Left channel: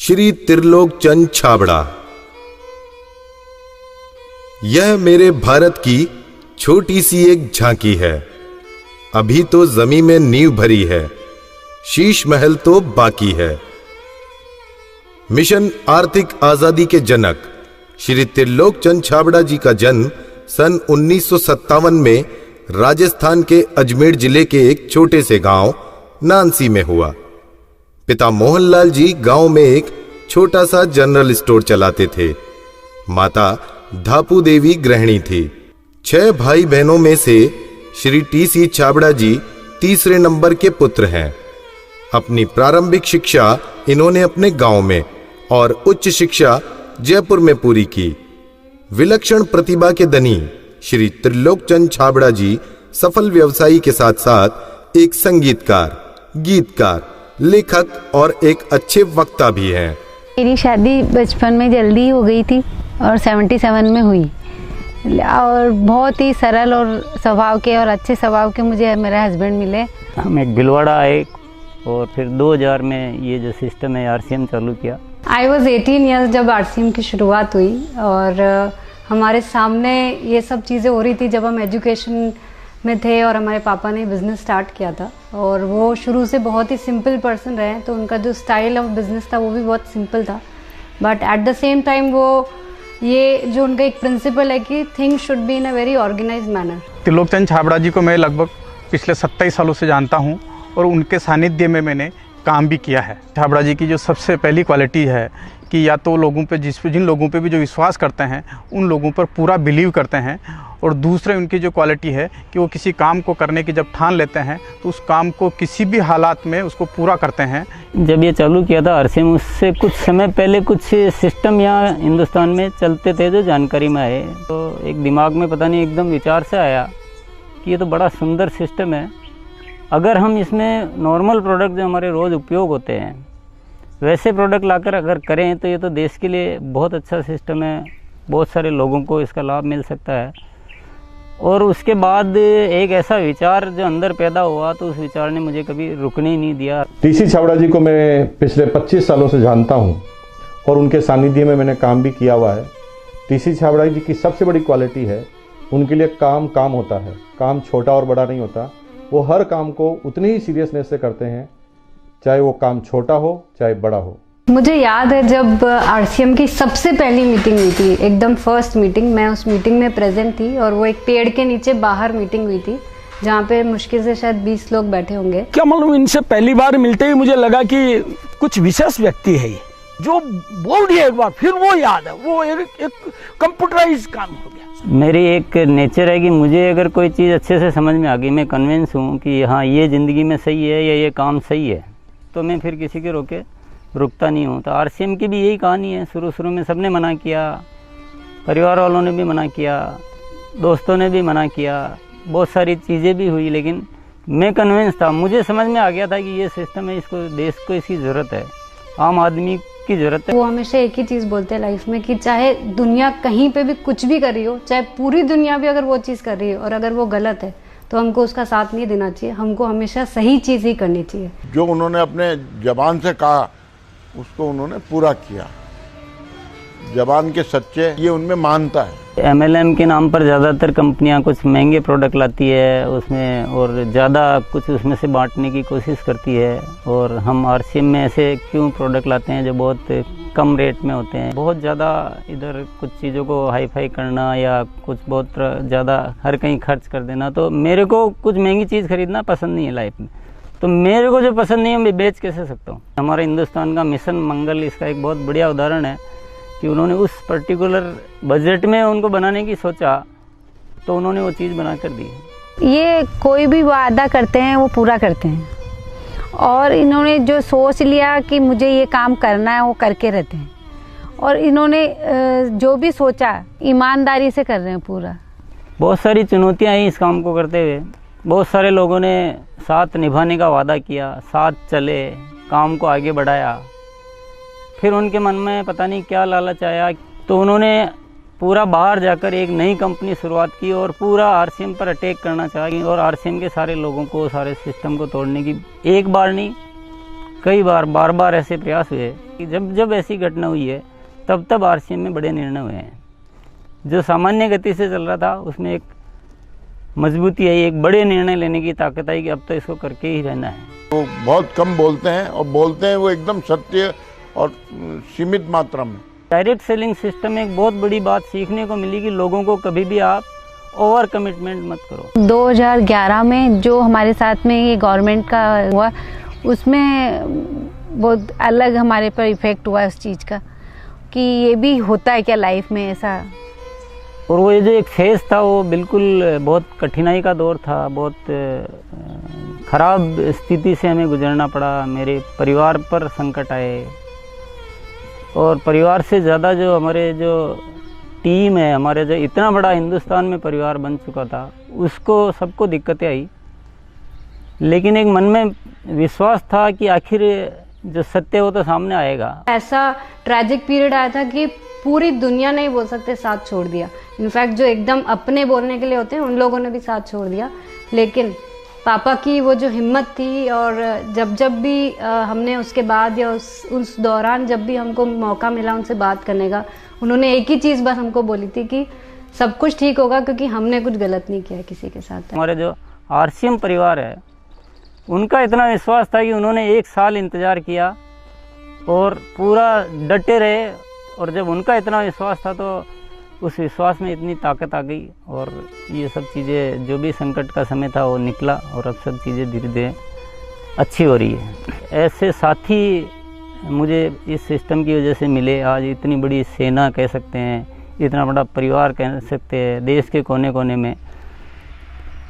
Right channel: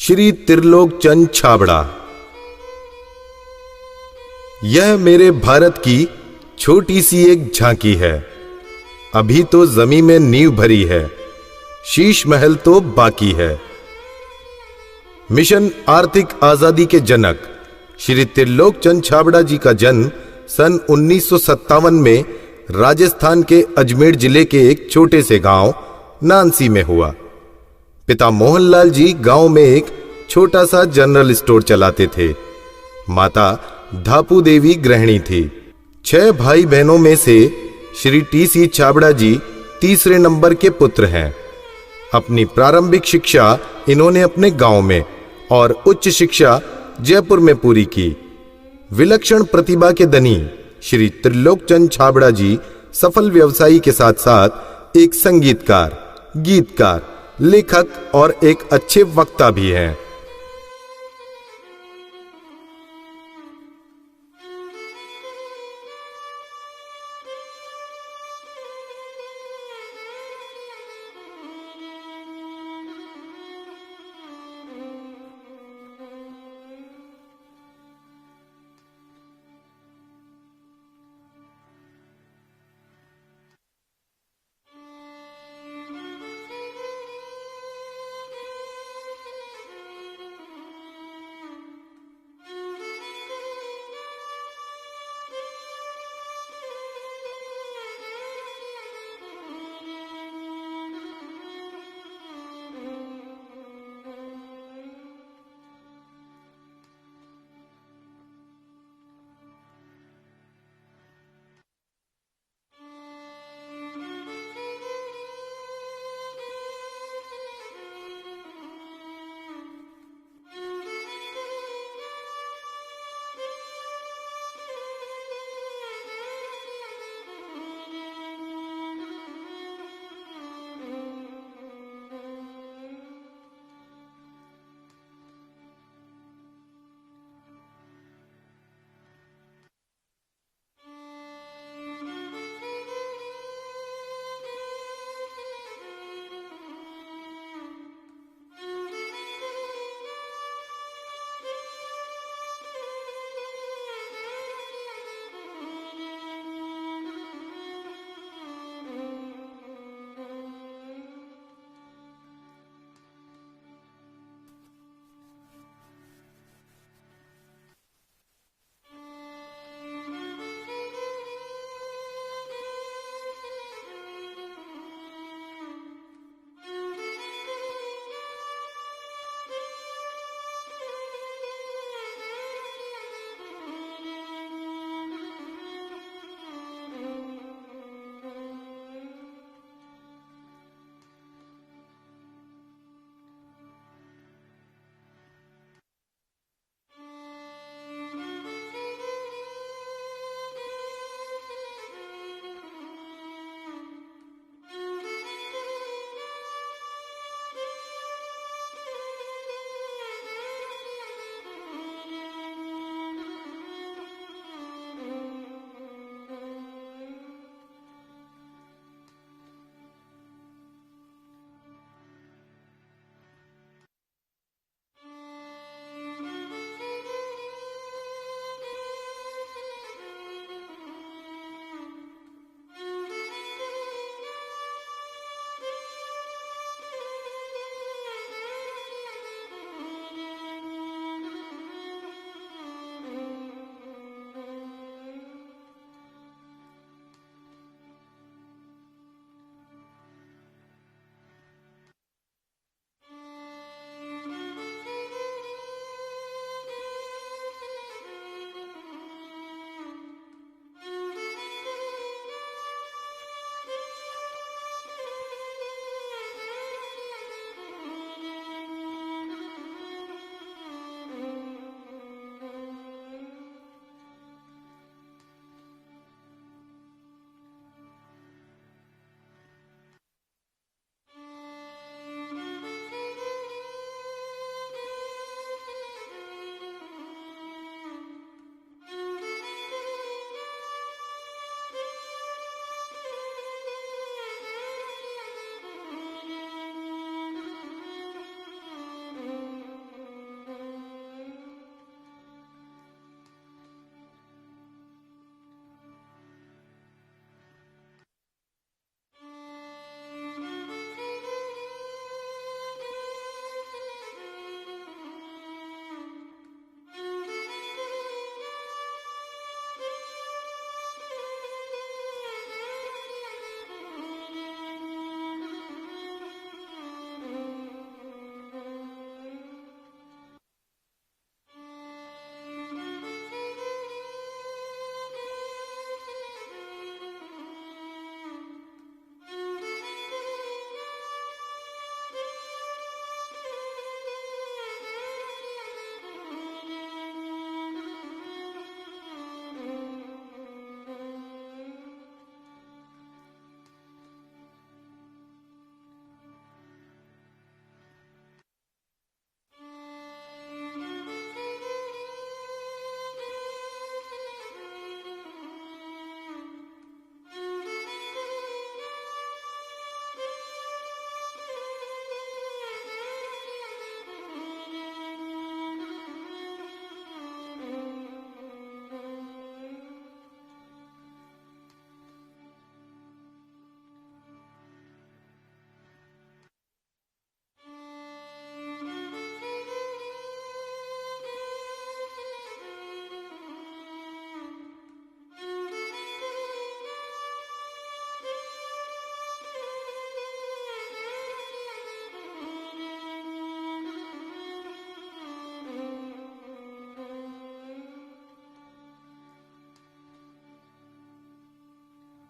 श्री त्रिलोक चंद छाबड़ा। यह मेरे भारत की छोटी सी एक झांकी है। अभी तो जमीन में नींव भरी है, शीश महल तो बाकी है। मिशन आर्थिक आजादी के जनक श्री त्रिलोक चंद छाबड़ा जी का जन्म सन 1957 में राजस्थान के अजमेर जिले के एक छोटे से गांव नानसी में हुआ। पिता मोहनलाल जी गांव में एक छोटा सा जनरल स्टोर चलाते थे। माता धापू देवी गृहिणी थी। 6 भाई बहनों में से श्री टी.सी. छाबड़ा जी तीसरे नंबर के पुत्र हैं। अपनी प्रारंभिक शिक्षा इन्होंने अपने गांव में और उच्च शिक्षा जयपुर में पूरी की। विलक्षण प्रतिभा के धनी श्री त्रिलोक चंद छाबड़ा जी सफल व्यवसायी के साथ साथ एक संगीतकार, गीतकार, लेखक और एक अच्छे वक्ता भी हैं। मेरी शादी बचपन में जल्दी हो गई थी और 77 में हुई और बहुत ही सरल और स्वभाव के और अच्छे स्वभाव के मुझे मेरे हस्बैंड मिले। हम एक भिलवाड़ा आए और फिर 2000 में ये जो सिस्टम है आरसीएम चालू किया। आई वॉज 18 ईयर्स जब आरसीएम की शुरुआत हुई और हमारे सामने ये सब चीज़ें हो रही थी जब हम एजुकेशन में थे और हमारे पापा ने बिज़नेस स्टार्ट किया था और वो शुरू से बहुत ही सिंपल पर्सन रहे, तो उनका जो स्टाइल ऑफ बिज़नेस था वो भी बहुत सिंपल था। But at the same time वो ये जो उनका एक प्रिंसिपल है कि things should be in a very organised manner. Trilok Chand Chhabra ji को मैं लगभग पिछले 27 सालों से जानता हूँ और उनके सानिध्य में मैंने काम भी किया है। छाबड़ा जी की जो सबसे पहली क्वालिटी है कि या तो लोगों पे जिन लोगों पे भी जो विश्वास करते हैं उन लोगों पर पूरा बिलीव करते हैं, और दूसरे उनकी जो क्वालिटी है कि वो किसी काम को करने की जब ठान लेते हैं तो उस काम को किसी भी हालात में उसको पूरा करते हैं। जब ये चालू किया था आरसीएम, उससे कुछ समय पहले कुछ सिस्टम यहाँ हिंदुस्तान में चलते थे जो जानकारी में आए, तो एक दिमाग में पता नहीं एकदम विचार से आया कि ये तो बड़ा सुंदर सिस्टम है। अगर हम इसमें नॉर्मल प्रोडक्ट जो हमारे रोज़ उपयोग होते हैं वैसे प्रोडक्ट लाकर अगर करें तो ये तो देश के लिए बहुत अच्छा सिस्टम है, बहुत सारे लोगों को इसका लाभ मिल सकता है। और उसके बाद एक ऐसा विचार जो अंदर पैदा हुआ तो उस विचार ने मुझे कभी रुकने ही नहीं दिया। टी.सी. छाबड़ा जी को मैं पिछले 25 सालों से जानता हूं और उनके सानिध्य में मैंने काम भी किया हुआ है। टी.सी. छाबड़ा जी की सबसे बड़ी क्वालिटी है उनके लिए काम होता है। काम छोटा और बड़ा नहीं होता, वो हर काम को उतनी ही सीरियसनेस से करते हैं, चाहे वो काम छोटा हो चाहे बड़ा हो। मुझे याद है जब आरसीएम की सबसे पहली मीटिंग हुई थी, एकदम फर्स्ट मीटिंग, मैं उस मीटिंग में प्रेजेंट थी और वो एक पेड़ के नीचे बाहर मीटिंग हुई थी जहाँ पे मुश्किल से शायद 20 लोग बैठे होंगे। क्या मालूम, इनसे पहली बार मिलते ही मुझे लगा कि कुछ विशेष व्यक्ति है जो बोल दिया एक बार फिर वो याद है, वो एक कंप्यूटराइज काम हो गया। मेरी एक नेचर है कि मुझे अगर कोई चीज़ अच्छे से समझ में आ गई, मैं कन्विंस हूँ कि हाँ ये ज़िंदगी में सही है या ये काम सही है, तो मैं फिर किसी के रोके रुकता नहीं हूँ। तो आरसीएम की भी यही कहानी है। शुरू में सबने मना किया, परिवार वालों ने भी मना किया, दोस्तों ने भी मना किया, बहुत सारी चीज़ें भी हुई, लेकिन मैं कन्विंस था, मुझे समझ में आ गया था कि ये सिस्टम है, इसको देश को इसकी ज़रूरत है, आम आदमी की ज़रूरत है। वो हमेशा एक ही चीज़ बोलते हैं लाइफ में कि चाहे दुनिया कहीं पे भी कुछ भी कर रही हो, चाहे पूरी दुनिया भी अगर वो चीज़ कर रही है और अगर वो गलत है तो हमको उसका साथ नहीं देना चाहिए, हमको हमेशा सही चीज़ ही करनी चाहिए। जो उन्होंने अपने जबान से कहा उसको उन्होंने पूरा किया। जबान के सच्चे ये उनमें मानता है। एमएलएम के नाम पर ज़्यादातर कंपनियां कुछ महंगे प्रोडक्ट लाती है उसमें और ज़्यादा कुछ उसमें से बांटने की कोशिश करती है, और हम आरसीएम में ऐसे क्यों प्रोडक्ट लाते हैं जो बहुत कम रेट में होते हैं। बहुत ज़्यादा इधर कुछ चीज़ों को हाई फाई करना या कुछ बहुत ज़्यादा हर कहीं खर्च कर देना, तो मेरे को कुछ महंगी चीज़ खरीदना पसंद नहीं है लाइफ में। तो मेरे को जो पसंद नहीं है मैं बेच कैसे सकता हूँ। हमारा हिंदुस्तान का मिशन मंगल इसका एक बहुत बढ़िया उदाहरण है कि उन्होंने उस पर्टिकुलर बजट में उनको बनाने की सोचा तो उन्होंने वो चीज़ बना कर दी। ये कोई भी वादा करते हैं वो पूरा करते हैं और इन्होंने जो सोच लिया कि मुझे ये काम करना है वो करके रहते हैं, और इन्होंने जो भी सोचा ईमानदारी से कर रहे हैं पूरा। बहुत सारी चुनौतियाँ आई इस काम को करते हुए, बहुत सारे लोगों ने साथ निभाने का वादा किया, साथ चले, काम को आगे बढ़ाया, फिर उनके मन में पता नहीं क्या लालच आया तो उन्होंने पूरा बाहर जाकर एक नई कंपनी शुरुआत की और पूरा आरसीएम पर अटैक करना चाहिए और आरसीएम के सारे लोगों को, सारे सिस्टम को तोड़ने की एक बार नहीं कई बार बार ऐसे प्रयास हुए कि जब ऐसी घटना हुई है तब आरसीएम में बड़े निर्णय हुए हैं। जो सामान्य गति से चल रहा था उसमें एक मजबूती आई, एक बड़े निर्णय लेने की ताकत आई कि अब तो इसको करके ही रहना है। वो बहुत कम बोलते हैं और बोलते हैं वो एकदम सत्य और सीमित मात्रा में। डायरेक्ट सेलिंग सिस्टम में एक बहुत बड़ी बात सीखने को मिली कि लोगों को कभी भी आप ओवर कमिटमेंट मत करो। 2011 में जो हमारे साथ में ये गवर्नमेंट का हुआ उसमें बहुत अलग हमारे पर इफेक्ट हुआ उस चीज़ का कि ये भी होता है क्या लाइफ में ऐसा। और वो ये जो एक फेज़ था वो बिल्कुल बहुत कठिनाई का दौर था, बहुत ख़राब स्थिति से हमें गुजरना पड़ा। मेरे परिवार पर संकट आए और परिवार से ज़्यादा जो हमारे जो टीम है, हमारे जो इतना बड़ा हिंदुस्तान में परिवार बन चुका था, उसको सबको दिक्कतें आई। लेकिन एक मन में विश्वास था कि आखिर जो सत्य हो तो सामने आएगा। ऐसा ट्रैजिक पीरियड आया था कि पूरी दुनिया ने ही बोल सकते साथ छोड़ दिया। इनफैक्ट जो एकदम अपने बोलने के लिए होते हैं उन लोगों ने भी साथ छोड़ दिया। लेकिन पापा की वो जो हिम्मत थी और जब भी हमने उसके बाद या उस दौरान जब भी हमको मौका मिला उनसे बात करने का, उन्होंने एक ही चीज़ बस हमको बोली थी कि सब कुछ ठीक होगा क्योंकि हमने कुछ गलत नहीं किया किसी के साथ। हमारे जो आरसीएम परिवार है उनका इतना विश्वास था कि उन्होंने 1 साल इंतज़ार किया और पूरा डटे रहे। और जब उनका इतना विश्वास था तो उस विश्वास में इतनी ताकत आ गई और ये सब चीज़ें, जो भी संकट का समय था वो निकला और अब सब चीज़ें धीरे धीरे अच्छी हो रही है। ऐसे साथी मुझे इस सिस्टम की वजह से मिले। आज इतनी बड़ी सेना कह सकते हैं, इतना बड़ा परिवार कह सकते हैं देश के कोने कोने में,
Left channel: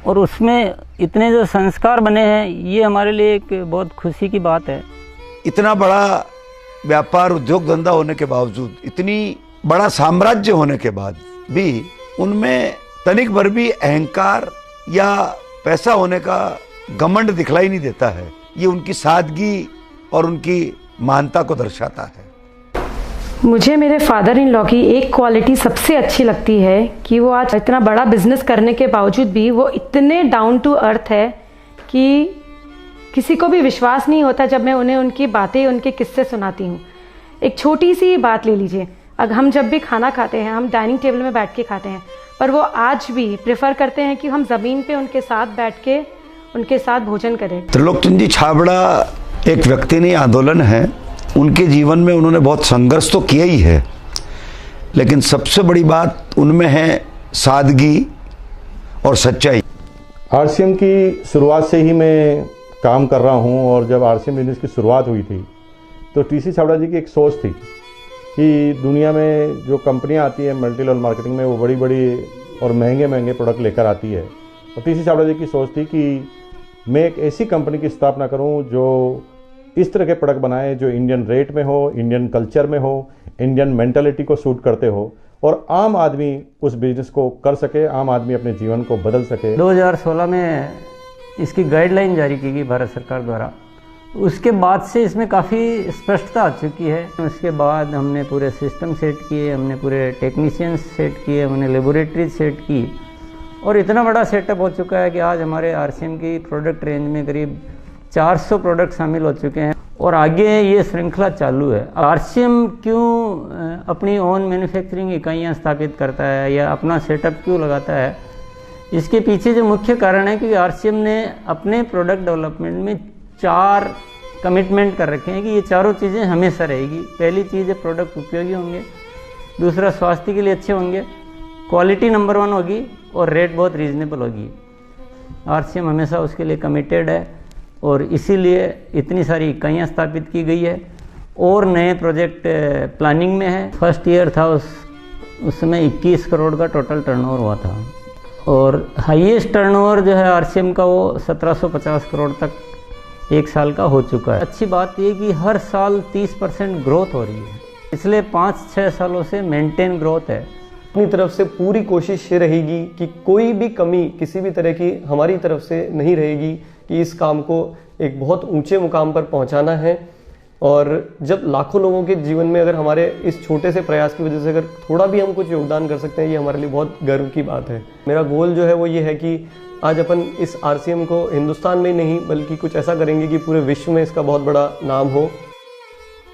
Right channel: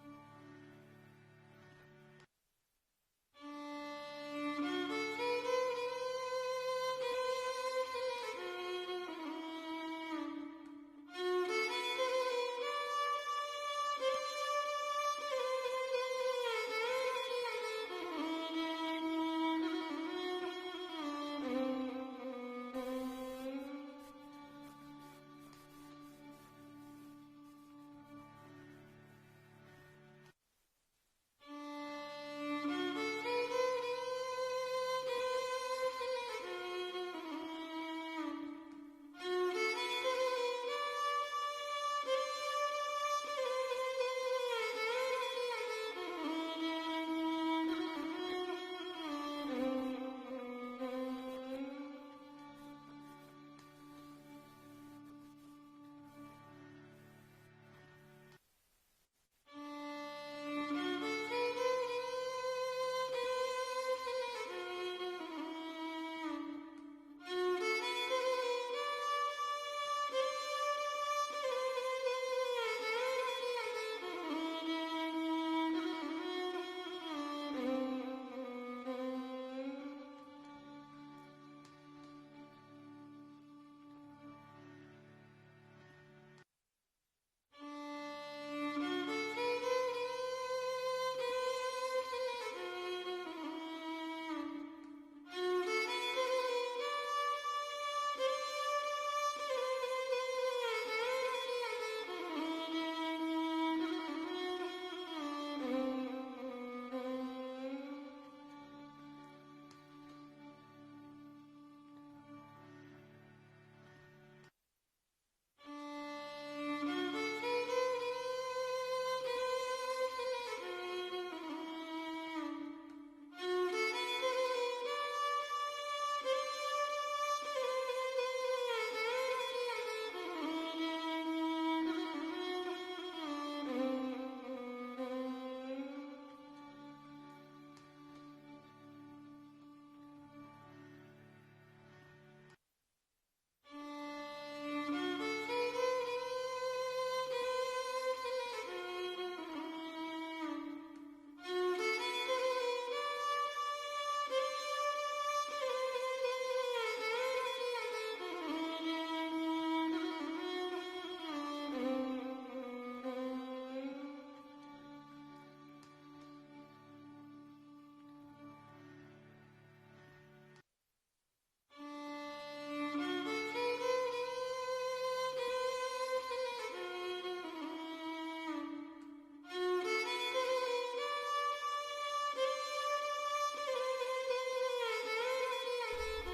और उसमें इतने जो संस्कार बने हैं, ये हमारे लिए एक बहुत खुशी की बात है। इतना बड़ा व्यापार उद्योग धंधा होने के बावजूद, इतनी बड़ा साम्राज्य होने के बाद भी उनमें तनिक भर भी अहंकार या पैसा होने का घमंड दिखलाई नहीं देता है। ये उनकी सादगी और उनकी महानता को दर्शाता है। मुझे मेरे फादर इन लॉ की एक क्वालिटी सबसे अच्छी लगती है कि वो आज इतना बड़ा बिजनेस करने के बावजूद भी वो इतने डाउन टू अर्थ है कि किसी को भी विश्वास नहीं होता जब मैं उन्हें उनकी बातें, उनके किस्से सुनाती हूँ। एक छोटी सी बात ले लीजिए, अगर हम जब भी खाना खाते हैं हम डाइनिंग टेबल में बैठ के खाते हैं, पर वो आज भी प्रेफर करते हैं कि हम ज़मीन पे उनके साथ बैठ के उनके साथ भोजन करें। त्रिलोकचंद जी छाबड़ा एक व्यक्ति नहीं, आंदोलन है। उनके जीवन में उन्होंने बहुत संघर्ष तो किया ही है, लेकिन सबसे बड़ी बात उनमें है सादगी और सच्चाई। आरसीएम की शुरुआत से ही मैं काम कर रहा हूं और जब आरसीएम बिजनेस की शुरुआत हुई थी तो टीसी छाबड़ा जी की एक सोच थी कि दुनिया में जो कंपनियां आती है मल्टी लेवल मार्केटिंग में, वो बड़ी बड़ी और महंगे महंगे प्रोडक्ट लेकर आती है। और टीसी छाबड़ा जी की सोच थी कि मैं एक ऐसी कंपनी की स्थापना करूं जो इस तरह के प्रोडक्ट बनाए जो इंडियन रेट में हो, इंडियन कल्चर में हो, इंडियन मेंटालिटी को सूट करते हो और आम आदमी उस बिजनेस को कर सके, आम आदमी अपने जीवन को बदल सके। 2016 में इसकी गाइडलाइन जारी की गई भारत सरकार द्वारा। उसके बाद से इसमें काफ़ी स्पष्टता आ चुकी है। उसके बाद हमने पूरे सिस्टम सेट किए, हमने पूरे टेक्नीशियंस सेट किए, हमने लेबोरेटरी सेट की और इतना बड़ा सेटअप हो चुका है कि आज हमारे आरसीएम की प्रोडक्ट रेंज में करीब 400 प्रोडक्ट शामिल हो चुके हैं और आगे ये श्रृंखला चालू है। आरसीएम क्यों अपनी ओन मैन्युफैक्चरिंग इकाइयाँ स्थापित करता है या अपना सेटअप क्यों लगाता है, इसके पीछे जो मुख्य कारण है कि आरसीएम ने अपने प्रोडक्ट डेवलपमेंट में 4 कमिटमेंट कर रखे हैं कि ये चारों चीज़ें हमेशा रहेगी। पहली चीज़ है प्रोडक्ट उपयोगी होंगे, दूसरा स्वास्थ्य के लिए अच्छे होंगे, क्वालिटी नंबर 1 होगी और रेट बहुत रीजनेबल होगी। आरसीएम हमेशा उसके लिए कमिटेड है और इसीलिए इतनी सारी इकाइयाँ स्थापित की गई है और नए प्रोजेक्ट प्लानिंग में है। फर्स्ट ईयर था उस समय 21 करोड़ का टोटल टर्नओवर हुआ था और हाईएस्ट टर्नओवर जो है आरसीएम का वो 1750 करोड़ तक एक साल का हो चुका है। अच्छी बात ये कि हर साल 30% ग्रोथ हो रही है, पिछले 5-6 सालों से मेंटेन ग्रोथ है। अपनी तरफ से पूरी कोशिश ये रहेगी कि कोई भी कमी किसी भी तरह की हमारी तरफ से नहीं रहेगी कि इस काम को एक बहुत ऊंचे मुकाम पर पहुंचाना है। और जब लाखों लोगों के जीवन में अगर हमारे इस छोटे से प्रयास की वजह से अगर थोड़ा भी हम कुछ योगदान कर सकते हैं, ये हमारे लिए बहुत गर्व की बात है। मेरा गोल जो है वो ये है कि आज अपन इस RCM को हिंदुस्तान में नहीं बल्कि कुछ ऐसा करेंगे कि पूरे विश्व में इसका बहुत बड़ा नाम हो।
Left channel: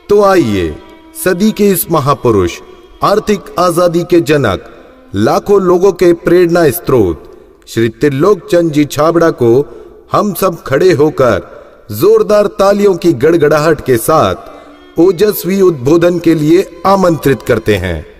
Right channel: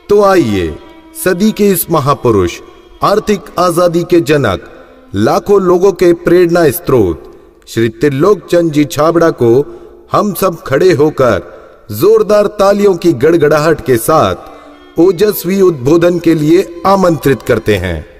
तो आइए सदी के इस महापुरुष, आर्थिक आजादी के जनक, लाखों लोगों के प्रेरणा स्रोत श्री त्रिलोक चंद जी छाबड़ा को हम सब खड़े होकर जोरदार तालियों की गड़गड़ाहट के साथ ओजस्वी उद्बोधन के लिए आमंत्रित करते हैं।